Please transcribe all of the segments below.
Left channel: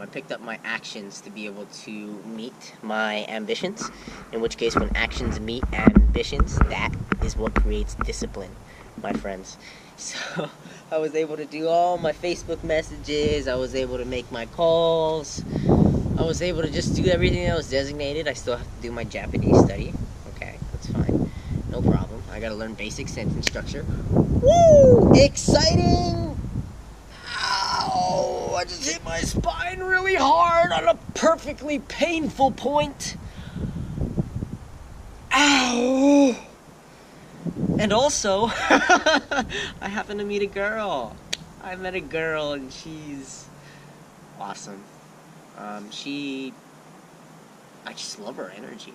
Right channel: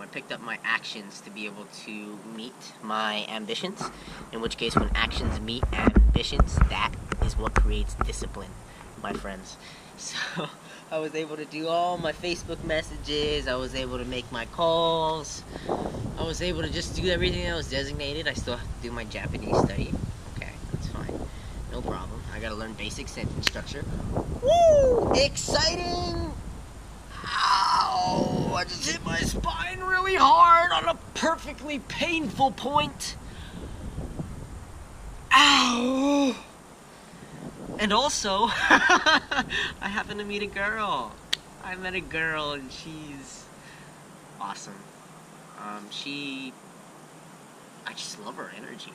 I picked up my actions to be able to meet my ambitions, in which case when actions meet ambitions, that is what creates discipline, my friends. So I was able to do all my Facebook messages, I was able to make my calls, I was able to just do everything that was designated. I still have to do my Japanese study. Okay, that's fine. No problem. I gotta learn basic sentence structure. Woo! Exciting! Ow! I just hit my spine really hard on a perfectly painful point. Ow! And also, I happened to meet a girl. I met a girl and she's awesome. I just love her energy.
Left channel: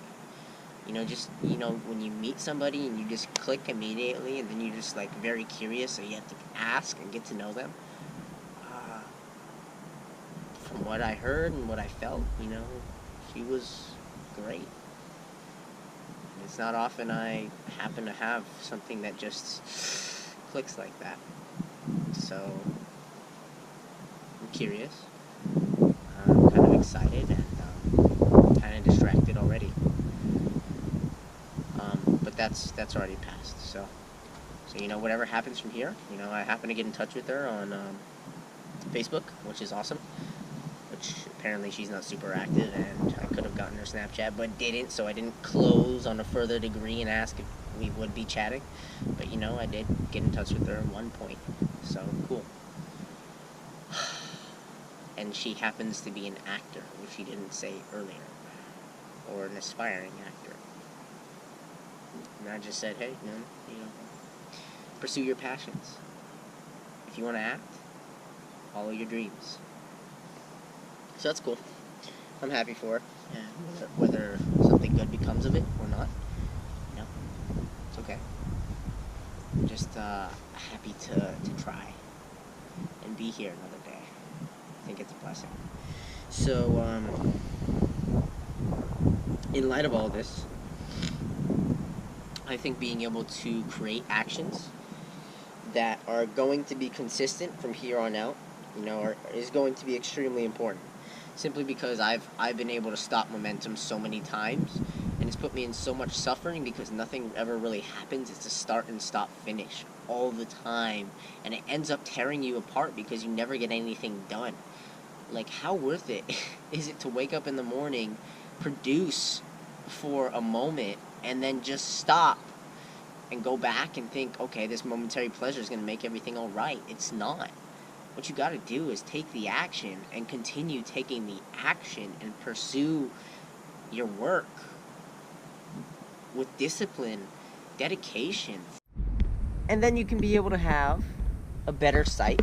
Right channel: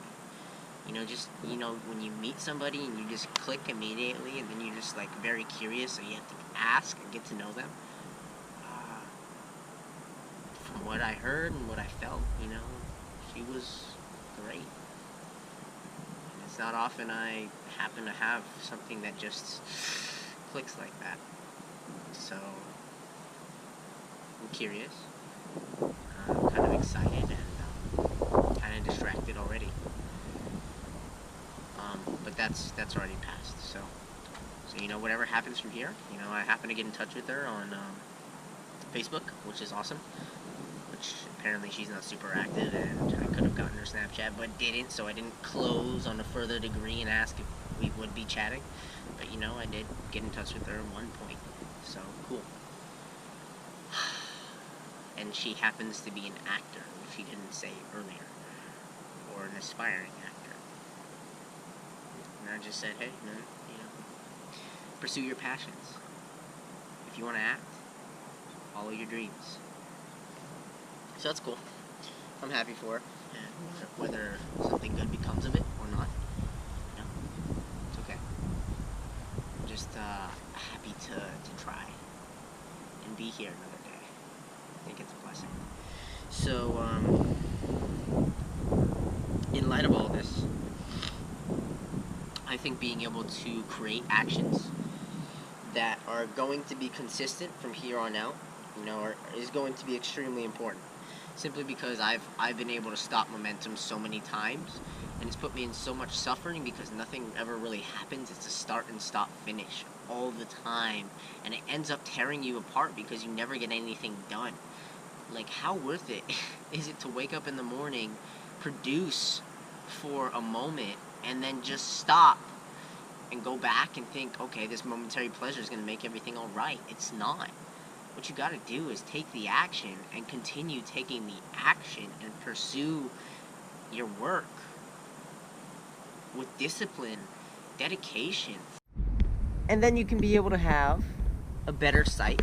When you meet somebody and you just click immediately, and then you're just like very curious, so you have to ask and get to know them. From what I heard and what I felt, she was great. And it's not often I happen to have something that just clicks like that. So, I'm curious. I'm kind of excited and kind of distracted already. But that's already passed. So whatever happens from here, I happen to get in touch with her on Facebook, which is awesome. Which apparently she's not super active, and I could have gotten her Snapchat, but didn't, so I didn't close on a further degree and ask if we would be chatting. But I did get in touch with her at one point, so cool. And she happens to be an actor, which she didn't say earlier, or an aspiring actor. And I just said, hey, man, pursue your passions. If you want to act, follow your dreams. So that's cool. I'm happy for her. And whether something good becomes of it or not, it's okay. I'm just happy to try and be here another day. I think it's a blessing. So, in light of all this, I think being able to create actions that are going to be consistent from here on out, is going to be extremely important. Simply because I've been able to stop momentum so many times, and it's put me in so much suffering because nothing ever really happens. It's a start and stop finish all the time, and it ends up tearing you apart because you never get anything done. Like, how worth it is it to wake up in the morning, produce for a moment, and then just stop and go back and think, okay, this momentary pleasure is going to make everything all right? It's not. What you got to do is take the action and continue taking the action and pursue your work with discipline, dedication. And then you can be able to have a better sight,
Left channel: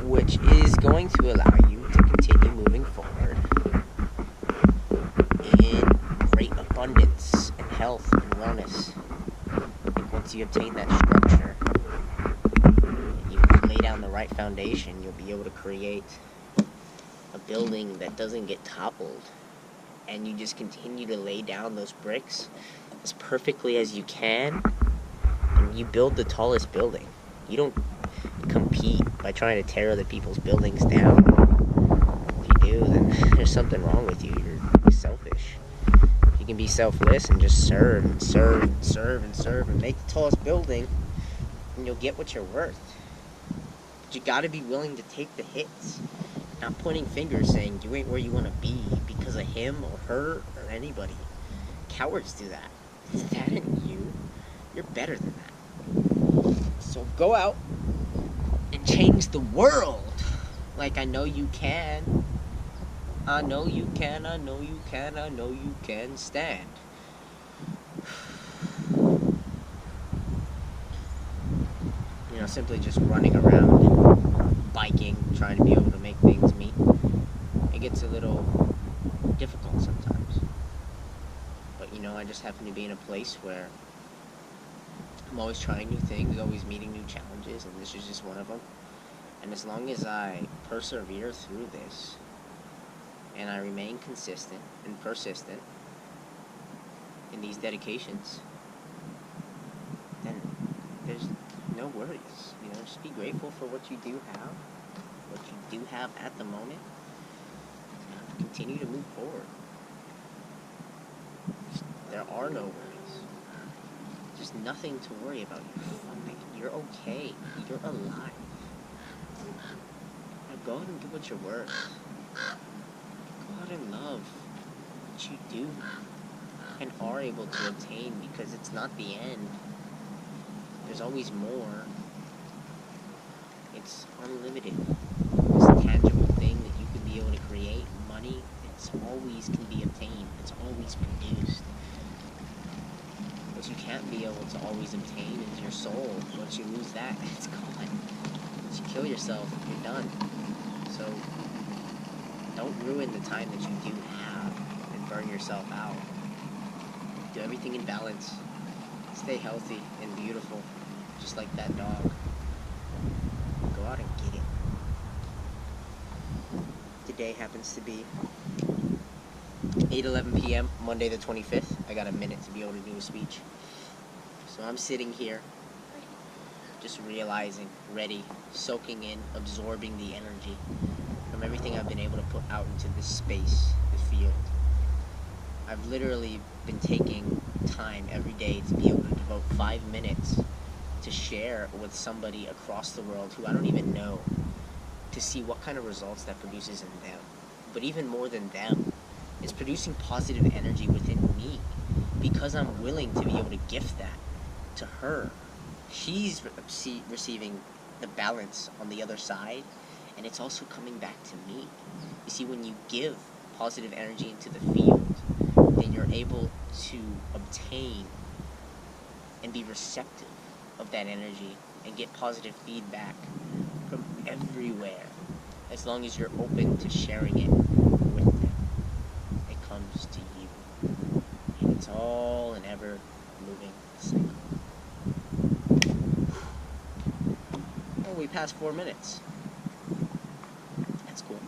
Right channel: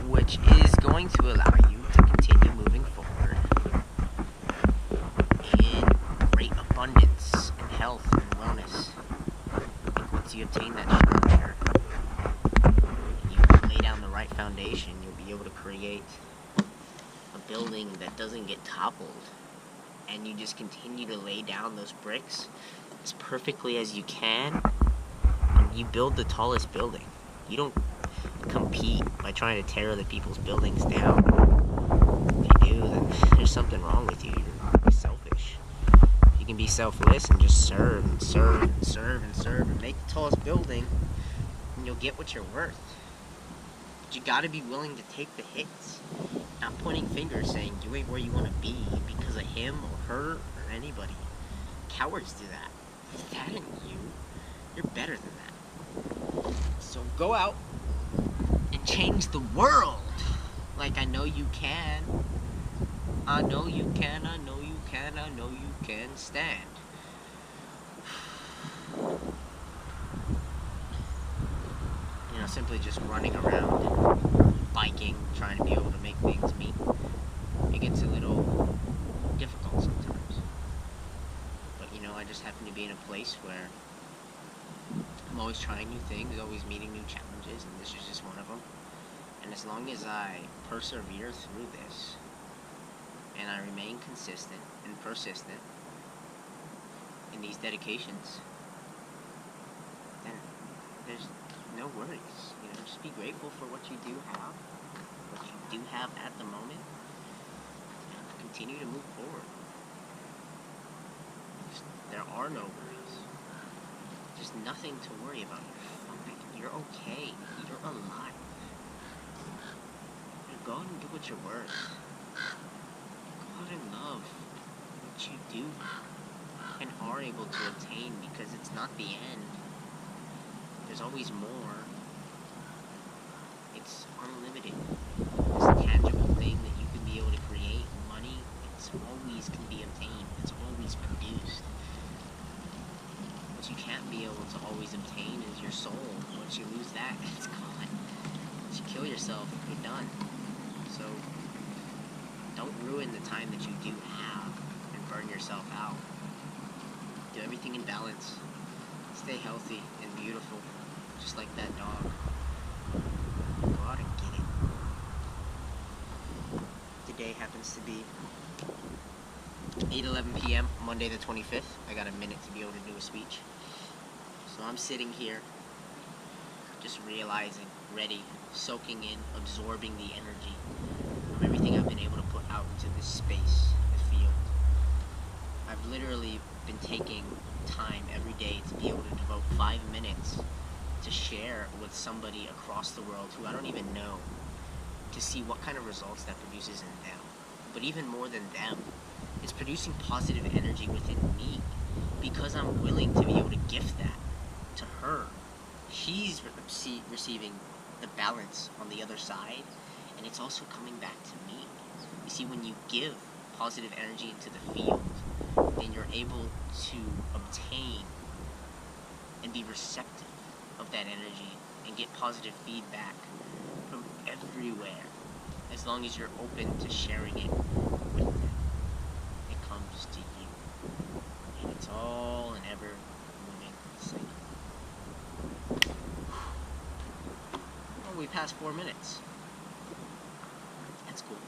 which is going to allow you to continue moving forward in great abundance and health and wellness. I think once you obtain that structure, lay down the right foundation, you'll be able to create a building that doesn't get toppled, and you just continue to lay down those bricks as perfectly as you can, and you build the tallest building. You don't compete by trying to tear other people's buildings down. If you do, then there's something wrong with you. You're selfish. If you can be selfless and just serve and serve and serve and serve and make the tallest building, then you'll get what you're worth. You gotta be willing to take the hits. Not pointing fingers saying you ain't where you want to be because of him or her or anybody. Cowards do that. That ain't you. You're better than that. So go out and change the world. Like I know you can. I know you can, I know you can, I know you can stand. Simply just running around and biking, trying to be able to make things meet, it gets a little difficult sometimes. But, I just happen to be in a place where I'm always trying new things, always meeting new challenges, and this is just one of them. And as long as I persevere through this, and I remain consistent and persistent in these dedications, then there's no worries. Just be grateful for what you do have, what you do have at the moment and continue to move forward. There are no worries. There's nothing to worry about. You're fine. You're okay. You're alive. Now go out and do what you're worth. Go out and love what you do and are able to obtain, because it's not the end. There's always more. It's unlimited. This tangible thing that you can be able to create, money, it's always can be obtained. It's always produced. What you can't be able to always obtain is your soul. Once you lose that, it's gone. Once you kill yourself, you're done. So don't ruin the time that you do have and burn yourself out. Do everything in balance. Stay healthy and beautiful, just like that dog. Go out and get it. Today happens to be 8:11 p.m. Monday the 25th. I got a minute to be able to do a speech. So I'm sitting here just realizing, ready, soaking in, absorbing the energy from everything I've been able to put out into this space, the field. I've literally been taking time every day to be able to devote 5 minutes to share with somebody across the world who I don't even know, to see what kind of results that produces in them. But even more than them, it's producing positive energy within me, because I'm willing to be able to gift that to her. She's receiving the balance on the other side, and it's also coming back to me. You see, when you give positive energy into the field, then you're able to obtain and be receptive of that energy and get positive feedback from everywhere, as long as you're open to sharing it with them. It comes to you, and it's all an ever moving cycle. Oh, we passed 4 minutes. That's cool.